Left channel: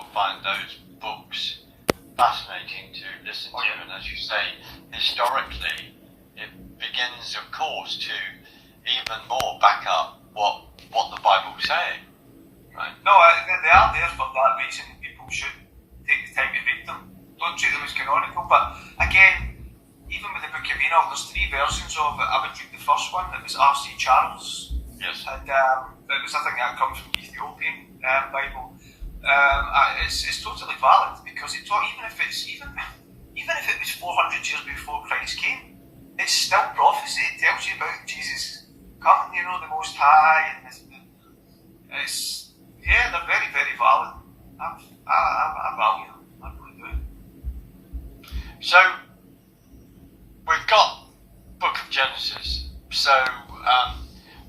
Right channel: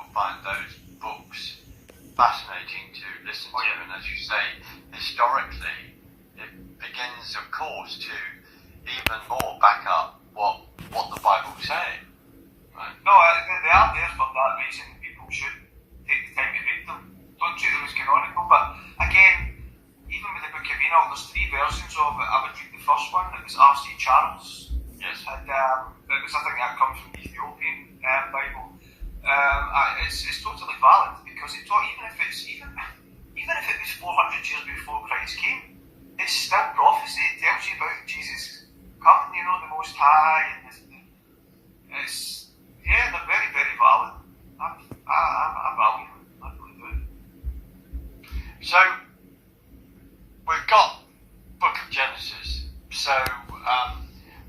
find those books fascinating to listen to, and as you say, historically, it begins, of course, to even more back up what the Bible's saying. Right? No, they are there for that reason. People should take the time to read them. Don't treat them as canonical. But again, even with the Book of Enoch, there's 3 versions of it. I would read the first one. It was R.C. Charles. Yes. And it was, I think, that comes from the Ethiopian Bible. It's totally valid because it taught, even if it was 400 years before Christ came, it's still prophecy. It tells you about Jesus coming, the Most High, and they're very, very valid. I value them. I really do. So we've got Book of Genesis. So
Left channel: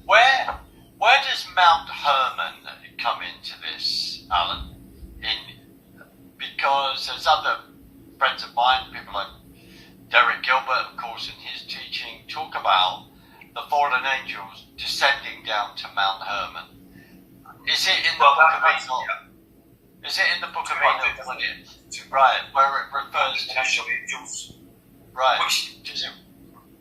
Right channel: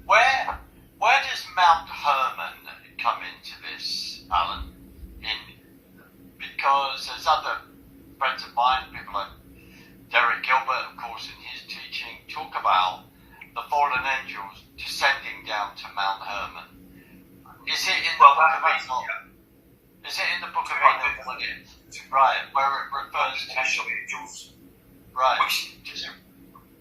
where does Mount Hermon come into this, Alan? Because there's other friends of mine, people like Derek Gilbert, of course, in his teaching, talk about the fallen angels descending down to Mount Hermon. Is it in the Book of Enoch? Yeah. Is it in the Book of Enoch? Right, where it refers to angels. Right.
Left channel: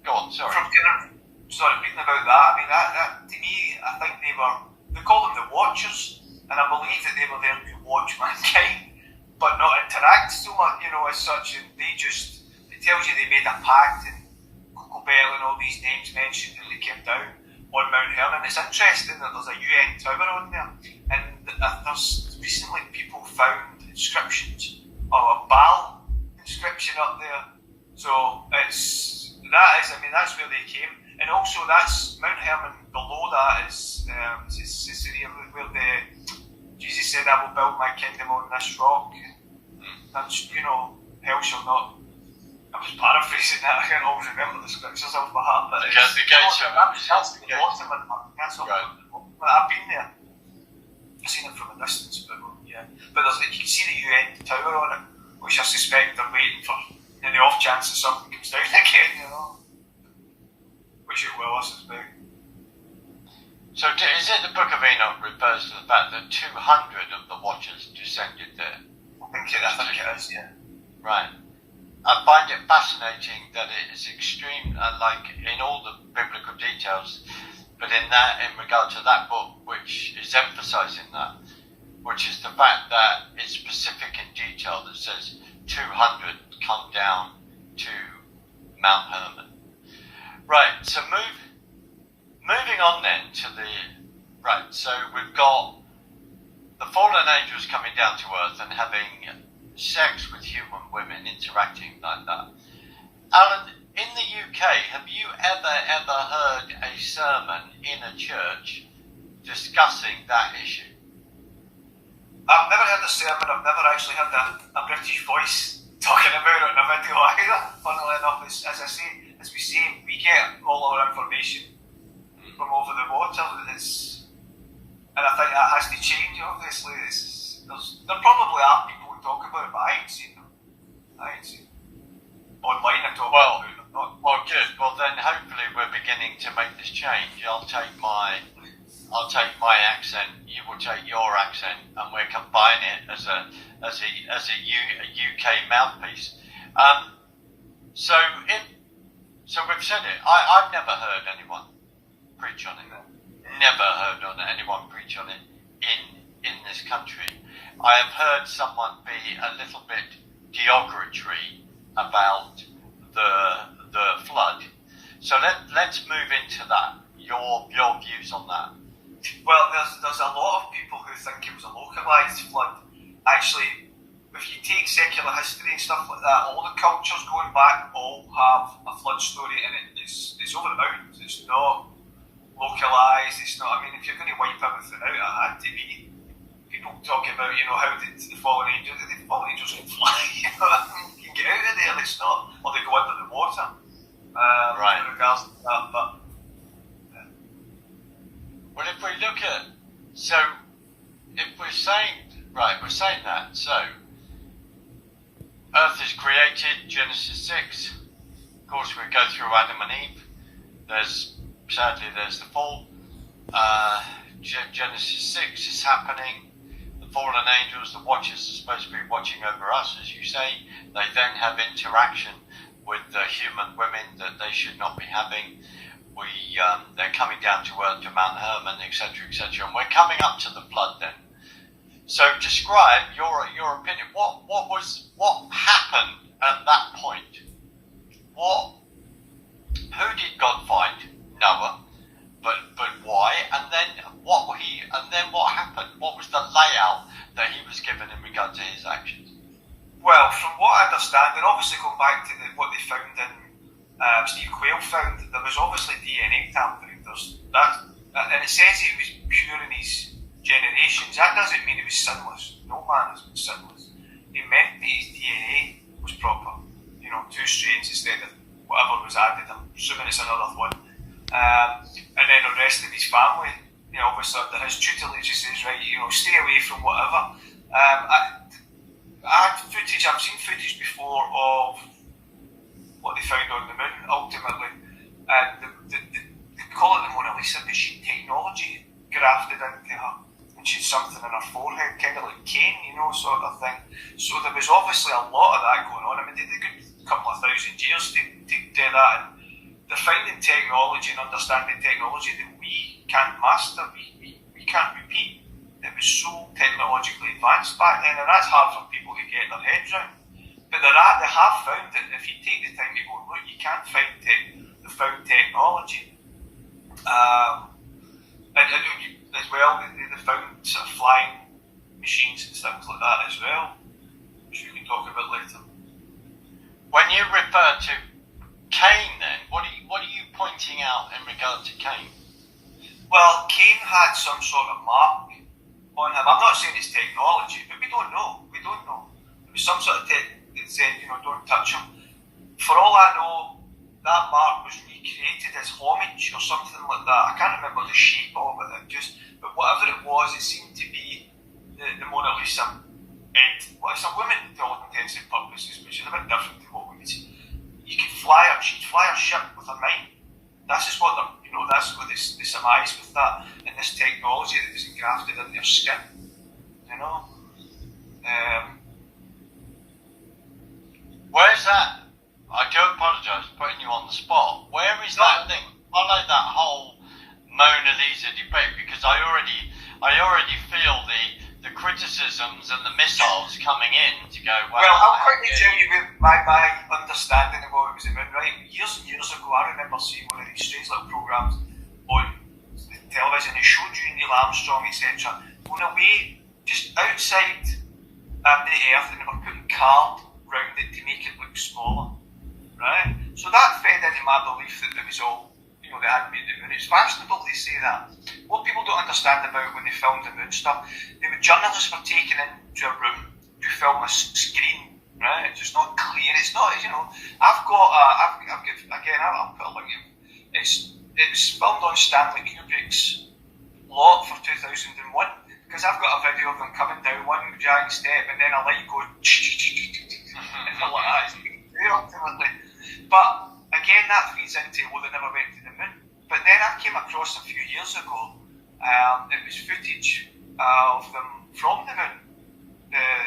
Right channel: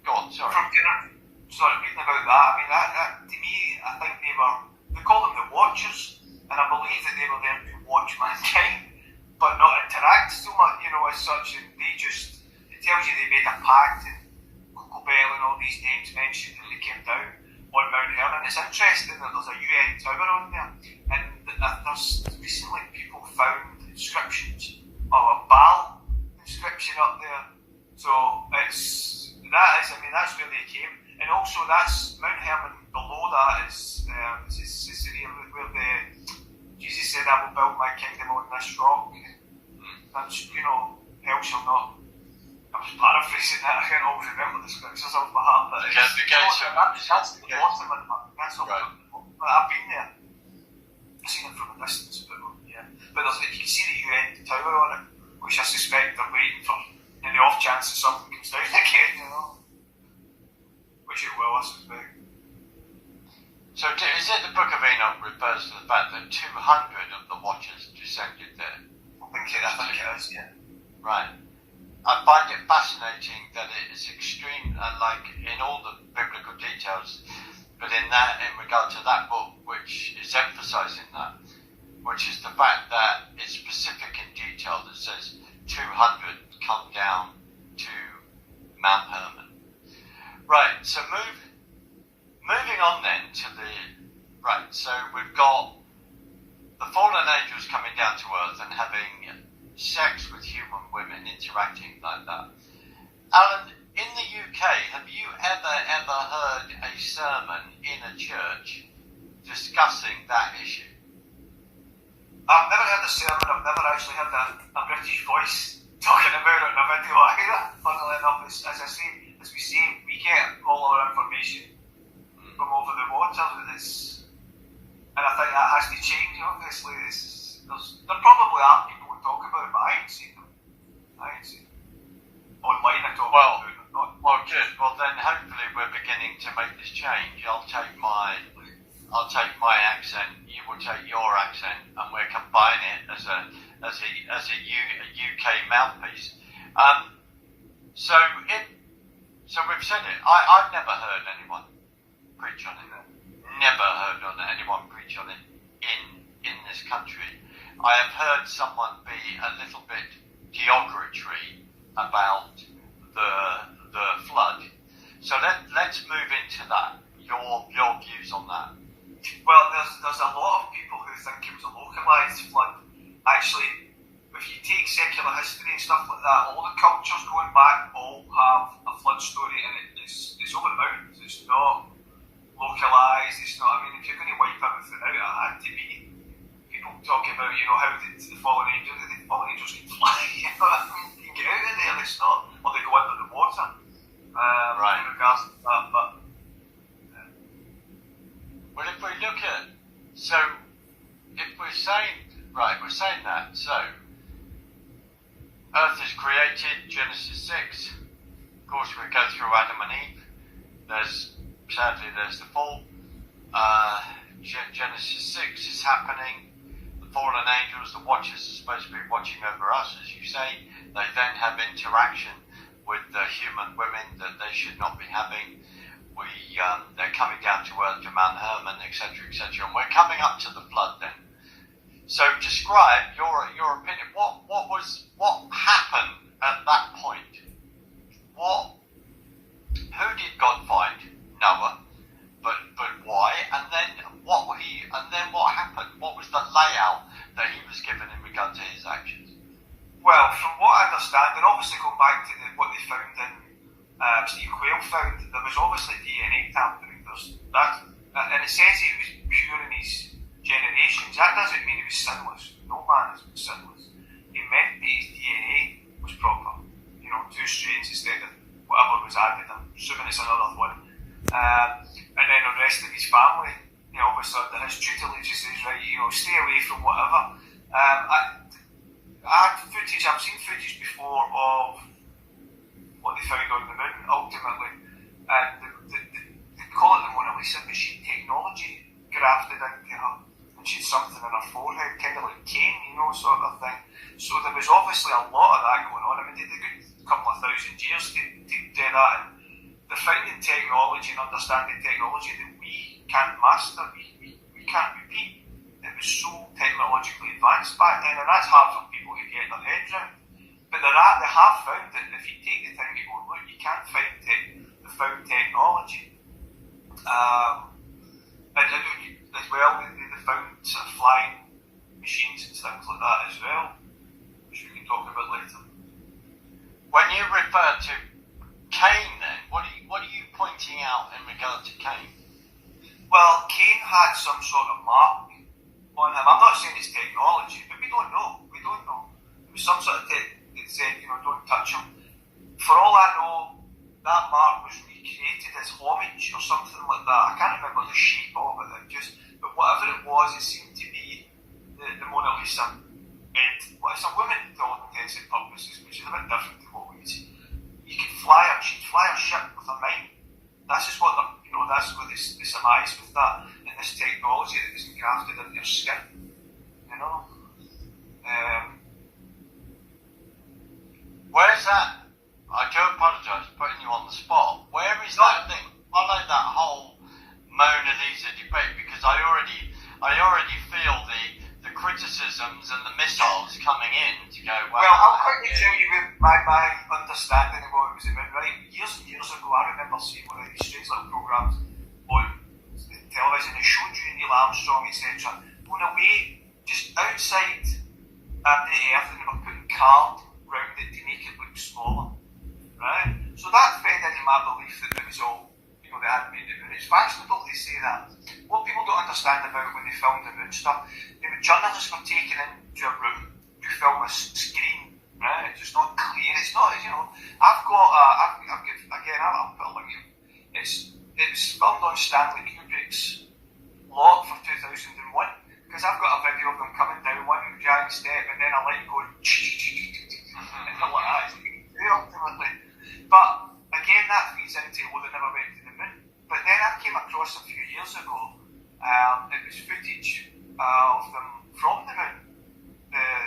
Go on, sorry. Reading about that, I mean, that to me, I think they call them the Watchers, and I believe that they were there to watch mankind, but not interact so much, as such, and it tells you they made a pact, and Coco Bell and all these names mentioned, and they came down on Mount Hermon. It's interesting that there's a UN tower on there, and there's recently people found inscriptions, or a Baal inscription up there, so that's where they came. And also, that's Mount Hermon. Below that is where Jesus said, "I will build my kingdom on this rock." That's hell shall not. I was paraphrasing that. I can't always remember the scriptures off my heart, but that's the bottom of the bottom. That's up right. I've been there. I've seen it from a distance, but yeah. But you can see the UN tower on it, which I suspect they're waiting for in the off chance that something comes down again. Which it will, I suspect. So is it the Book of Enoch refers to the fact that 200 of the Watchers descended there? I think it is, yeah. Right. I find it fascinating that it is extreme, like in all the biblical details, but in regard to that book, which is emphasising that, which is the fact that it's specific in detail that says 200 come down to Mount Hermon. Right, so moving on then to so we've got the fallen angels coming down to earth and having sex with human women, interacting like that. Alan, in the UK, have you ever heard a sermon in a church discussing that issue? I've never heard a sermon. I've never actually heard a British voice talking about it in a video either. Funnily enough, as we say, we get all our information from over the water, and I think that has to change. Obviously, there probably are people who talk about it, but I ain't seen them. Online. I talk about them. Well, good. Well, then hopefully we're beginning to make this change. I'll take my accent. You will take your accent, and we'll combine it as a UK mouthpiece. So we've said it. I've never heard anyone preach on it. Never heard anyone preach on it in this country. I have heard someone be a little bit derogatory about the flood. So let's move into that. Your views on that. Well, there's a lot of people who think it was a localised flood. Actually, if you take secular history and stuff like that, all the cultures going back all have a flood story, and it's over the mountains. It's not localised. It's not. I mean, if you're going to wipe everything out, it had to be. People talk about, how did the fallen angels? The fallen angels can fly. You can get out of there. It's not, or they go under the water. Right. In regards to that, but. Well, if we look at, we're saying that, so Earth is created, Genesis 6, of course we go through Adam and Eve, there's the fall, Genesis 6 is happening, the fallen angels, the watchers, are supposed to be watching over us, as you say. They then have interaction with the human women that they should not be having. They're coming down to earth to Mount Hermon, etc., etc., and we're coming up to the flood then. So describe your opinion. What happened at that point? Who did God find? Noah. But why? And then what happened? What was the layout that he was given in regard to his actions? Well, from what I understand, and obviously going back to what they found in Steve Quayle found, there was obviously DNA tampering. And it says it was pure in his generations. That doesn't mean it was sinless. No man has been sinless. It meant that his DNA was proper. 2 strains instead of whatever was added. I'm assuming it's another one. And then the rest of his family, obviously under his tutelage, he says, right, stay away from whatever. I've seen footage before of what they found on the moon, ultimately. And they call it the Mona Lisa, but she had technology grafted into her. And she had something in her forehead, kind of like Cain, sort of thing. So there was obviously a lot of that going on. I mean, they did a good couple of thousand years to do that. And they're finding technology and understanding technology that we can't master, we can't repeat. It was so technologically advanced back then, and that's hard for people to get their heads around. But they have found that if you take the time to go and look, you can find the found technology. And as well, they found sort of flying machines and things like that as well, which we can talk about later. When you refer to Cain, then, what are you pointing out in regard to Cain? Well, Cain had some sort of mark on him. I'm not saying it's technology, but we don't know. There was some sort of tech that said, don't touch him. For all I know, that mark was recreated as homage or something like that. I can't remember the shape of it. But whatever it was, it seemed to be the Mona Lisa. Well, it's a woman to all intents and purposes, which is a bit different to what we would see. She'd fly a ship with a mind. That's just what that's what they surmise with that, and this technology that was engrafted in their skin. Where's that? I do apologise for putting you on the spot. Where is that thing? Follow that whole Mona Lisa debate, because I already feel the criticisms and the missiles coming in to go. Well, I'll quickly tell you my understanding of what it was about. Right, years and years ago, I remember seeing one of these strange little programs on television. It showed you Neil Armstrong, etc., going away just outside the Earth, and they were putting card round it to make it look smaller. Right, so that fed into my belief that it was all. They hadn't made the moon. It's fashionable to say that. What people don't understand about when they filmed the moon stuff, journalists were taken into a room to film a screen, right? It's just not clear. It's not, I've got I'll put a link in. It was filmed on Stanley Kubrick's lot for 2001, because I've got a video of them coming down one giant step and then a light goes and they're like that. It's clear ultimately. But again, that feeds into, they never went to the moon. But then I came across a few years ago, it was footage of them from the moon,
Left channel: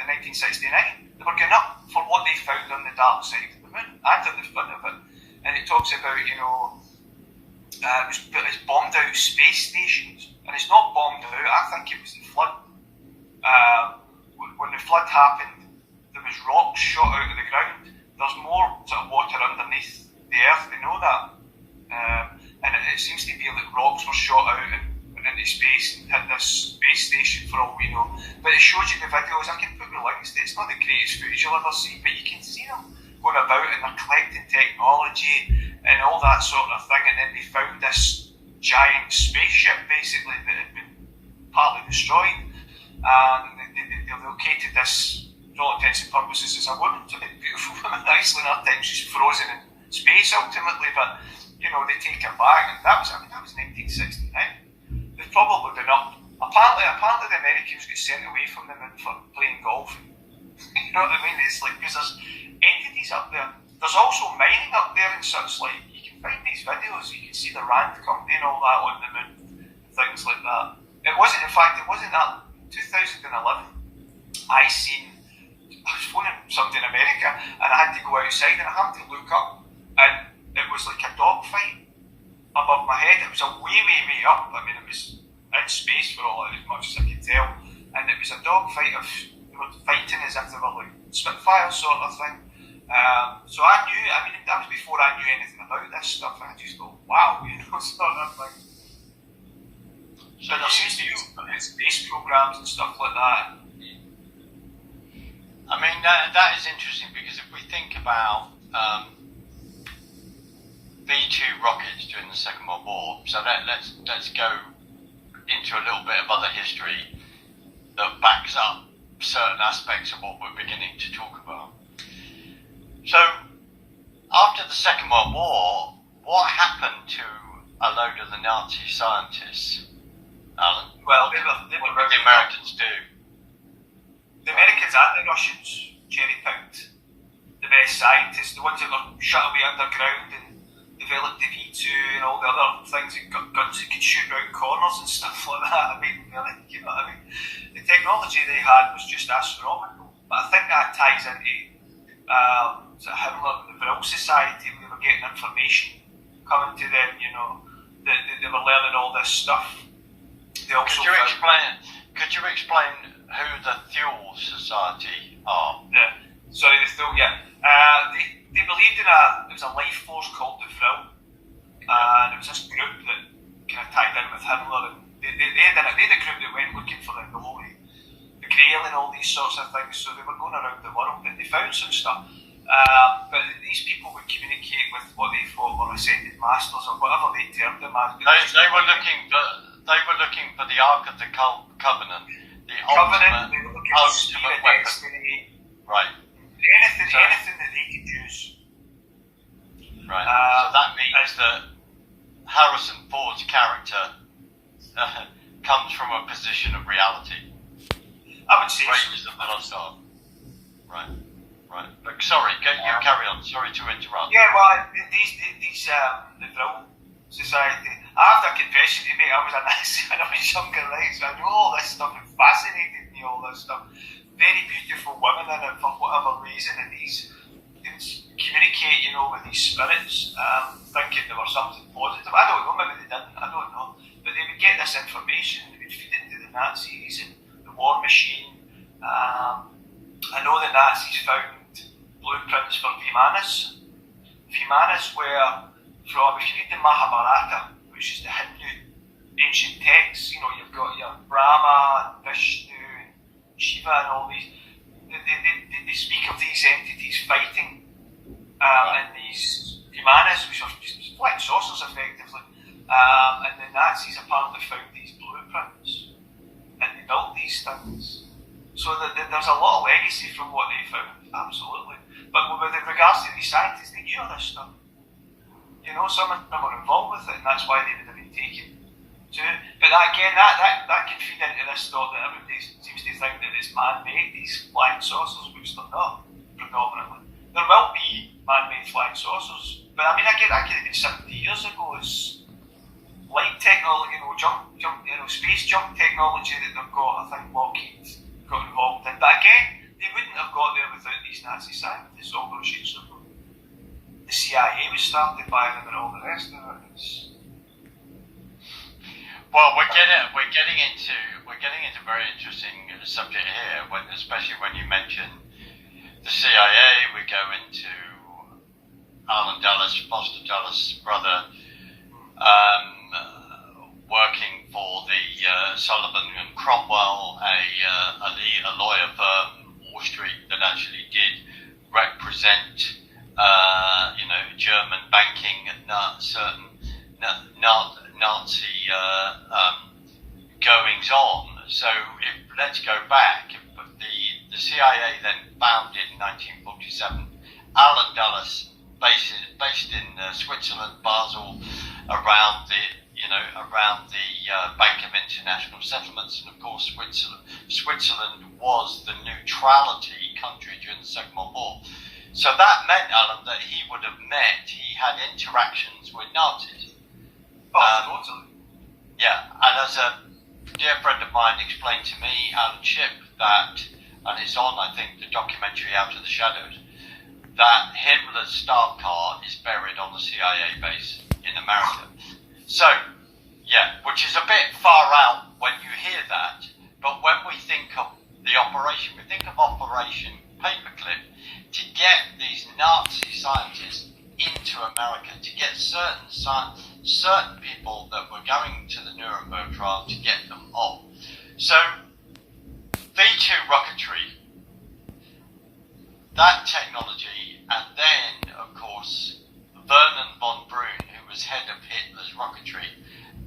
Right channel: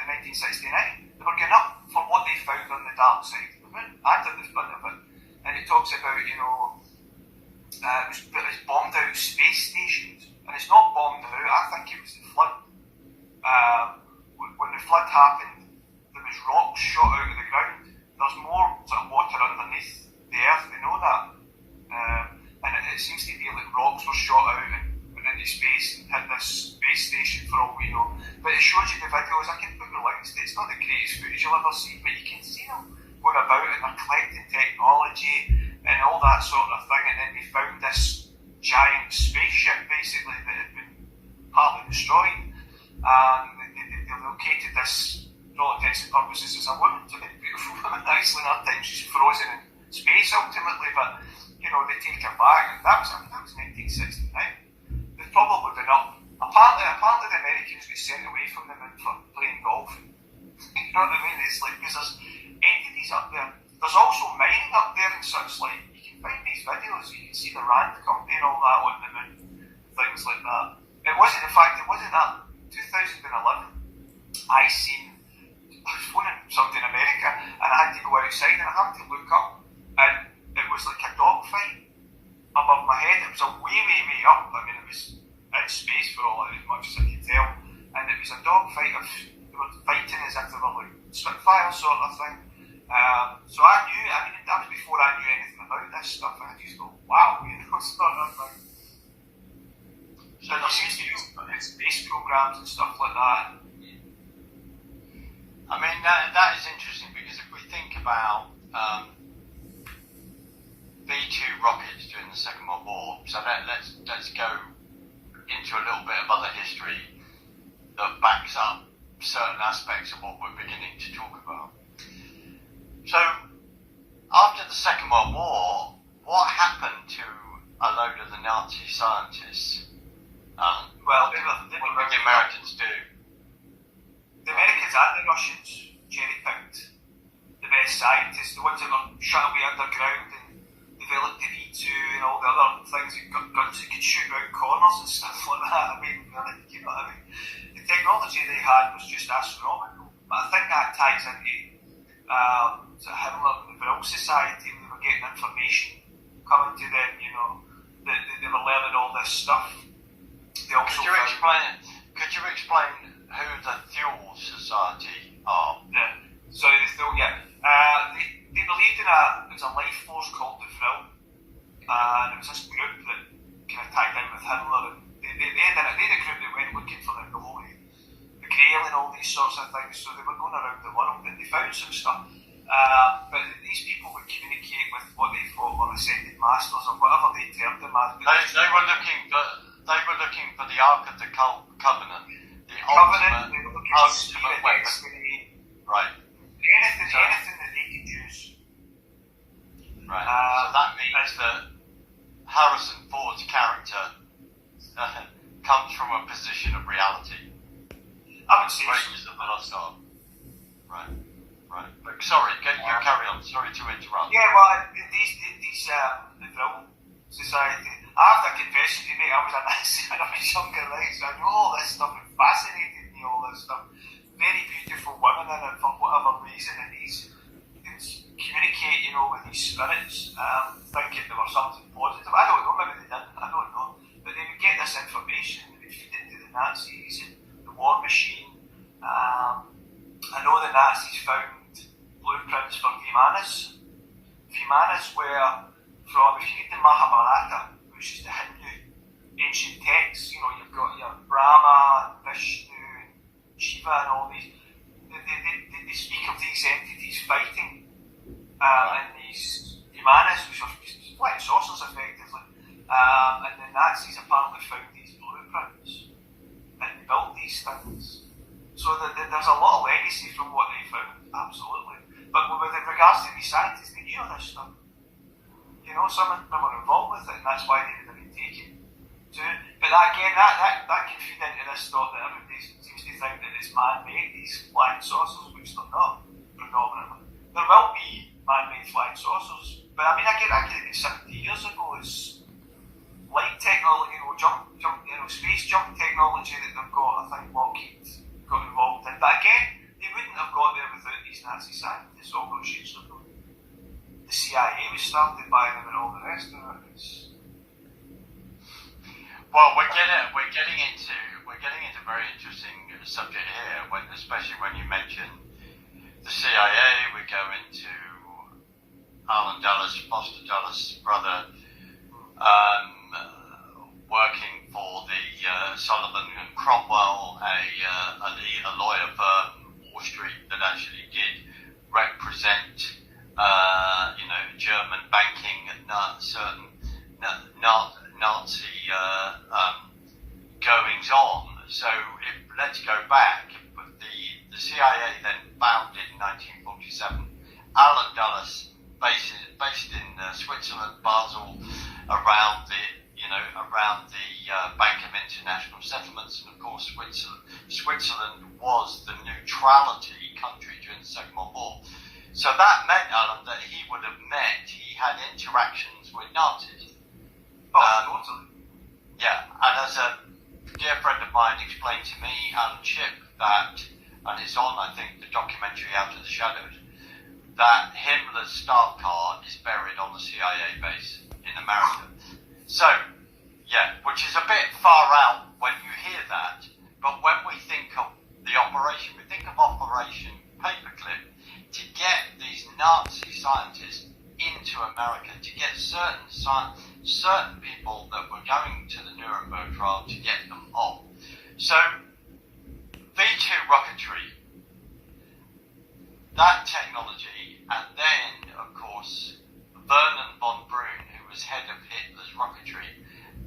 1969. They were going up for what they found on the dark side of the moon and on the front of it. And it talks about, it's bombed out space stations. And it's not bombed out, I think it was the flood. When the flood happened, there was rocks shot out of the ground. There's more sort of water underneath the Earth, we know that. And it seems to be like rocks were shot out and went into space and hit this space station for all we know. But it shows you the videos. I can put the links to it. It's not the greatest footage you'll ever see, but you can see them going about and they're collecting technology and all that sort of thing. And then they found this giant spaceship basically that had been partly destroyed. And they located this, for all intents and purposes, as a woman. It's a bit beautiful woman. Nicely in her time, she's frozen in space ultimately, but they take her back, and that was 1969. They've probably been up. Apparently the Americans get sent away from them for playing golf. You know what I mean? It's like, because there's entities up there. There's also mining up there and such. Like, you can find these videos. You can see the Rand company and all that on the moon, things like that. It wasn't that 2011. I was phoning somebody in America, and I had to go outside, and I happened to look up, and it was like a dog fight above my head. It was a way up. I mean, it was in space for all as much as I could tell, and it was a dog fight they were fighting as if they were like Spitfires sort of thing. So I knew. I mean, that was before I knew anything about this stuff. And I just go, wow, sort of thing. So there seems to be space programs and stuff like that. I mean, that is interesting, because if we think about B-2 rockets during the Second World War, so let's go into a little bit of other history that backs up certain aspects of what we're beginning to talk about. So, after the Second World War, what happened to a load of the Nazi scientists, Alan? Well, what did the Americans do? The Americans and the Russians cherry-picked the best scientists, the ones that were shut away underground and developed the V2 and all the other things that got guns that could shoot round corners and stuff like that. I mean, really, you know what I mean? The technology they had was just astronomical. But I think that ties into Himmler and the Vril Society, when they were getting information coming to them, they were learning all this stuff. They also Could you explain who the Fuel Society are? Yeah. Sorry, they believed in it was a life force called the Vril, and it was this group that kind of tied in with Himmler, and they had a group that went looking for the Grail and all these sorts of things, so they were going around the world and they found some stuff. But these people would communicate with what they thought were ascended masters, or whatever they termed them as. They were looking for the Ark of the Covenant, the Covenant, they were looking for ultimate weapon. Destiny, right? Anything that they could use. Right. So that means that Harrison Ford's character comes from a position of reality. I would say Raiders of the Lost Ark. Right. But sorry, you carry on. Sorry to interrupt. Yeah, well, the Vril Society. I have to confession to you, mate, I was a Nazi when I was younger, right? So I know all this stuff. It fascinated me, all this stuff. Very beautiful women in it for whatever reason, and they communicate, with these spirits, thinking there was something positive. I don't know, maybe they didn't. I don't know, but they would get this information and they would feed it to the Nazis and war machine. I know the Nazis found blueprints for Vimanas. Vimanas were from, if you read the Mahabharata, which is the Hindu ancient texts, you've got your Brahma, Vishnu, and Shiva, and all these. They speak of these entities fighting in these Vimanas, which are just flying saucers, effectively. And the Nazis apparently found these blueprints. And they built these things. So there's a lot of legacy from what they found, absolutely. But with regards to these scientists, they knew all this stuff. Some of them were involved with it, and that's why they would have been taken to. But that can feed into this thought that everybody seems to think that it's man-made, these flying saucers, which they're not, predominantly. There will be man-made flying saucers, but I mean, I get it 70 years ago, it's light technology, space jump technology that they've got. I think Lockheed got involved in. But again, they wouldn't have got there without these Nazi scientists all those years ago. The CIA was started by them and all the rest of it. Well, we're getting into a very interesting subject here, especially when you mention the CIA. We go into Alan Dulles, Foster Dulles' brother, working for the Sullivan and Cromwell, a lawyer firm, Wall Street, that actually did represent, German banking and certain Nazi goings on. So let's go back. The CIA then founded in 1947. Alan Dulles, based in Switzerland, Basel, around the Bank of International Settlements, and of course Switzerland was the neutrality country during the Second World War. So that meant, Alan, that he had interactions with Nazis. Totally. Yeah, and as a dear friend of mine explained to me, Alan Shipp, that and it's on, I think, the documentary Out of the Shadows, that Himmler's staff car is buried on the CIA base in America. So, yeah, which is a bit far out when you hear that, but when we think of the operation, we think of Operation Paperclip, to get these Nazi scientists into America, to get certain people that were going to the Nuremberg trial, to get them off. So, V2 rocketry, that technology, and then, of course, Vernon von Braun, who was head of Hitler's rocketry,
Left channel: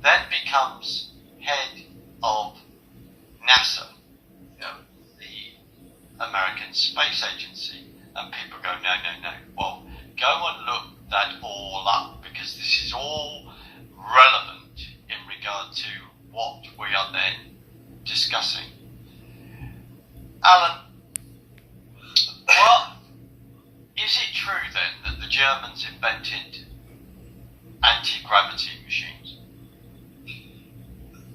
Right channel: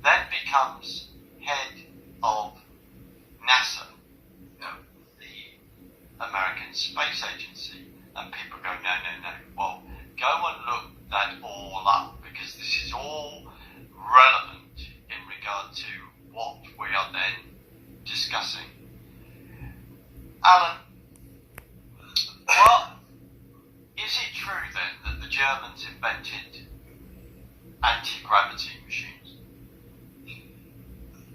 then becomes head of NASA, the American Space Agency. And people go, no. Well, go and look that all up, because this is all relevant in regard to what we are then discussing. Alan, well, is it true then that the Germans invented anti-gravity machines?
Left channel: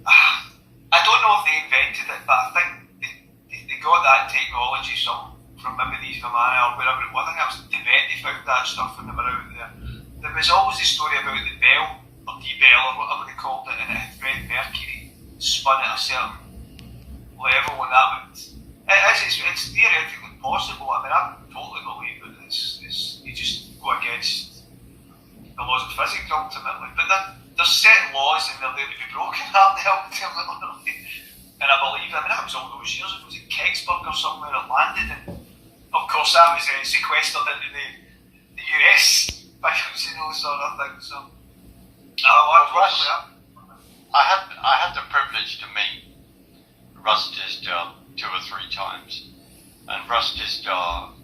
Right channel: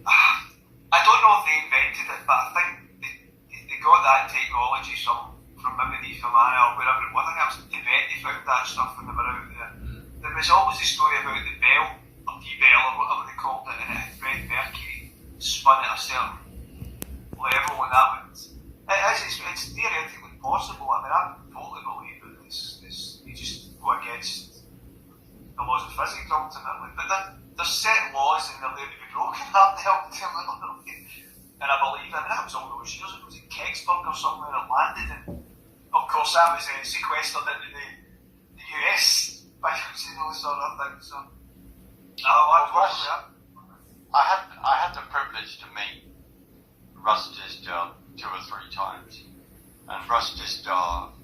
I don't know if they invented it, but I think they got that technology from maybe the Germania or wherever it was. I think it was Tibet they found that stuff when they were out there. There was always a story about the bell, or D-bell, or whatever they called it, and it had red mercury spun at a certain level, and that would... It's theoretically possible. I mean, I totally believe that you just go against the laws of physics ultimately, but there's set laws and they're there to be broken, aren't they, ultimately? And I believe, that was all those years ago. Was it Kecksburg or somewhere it landed, and of course that was sequestered into the US files, sort of thing. So, I had the privilege to meet Russ Tisdale 2 or 3 times, and Russ Tisdale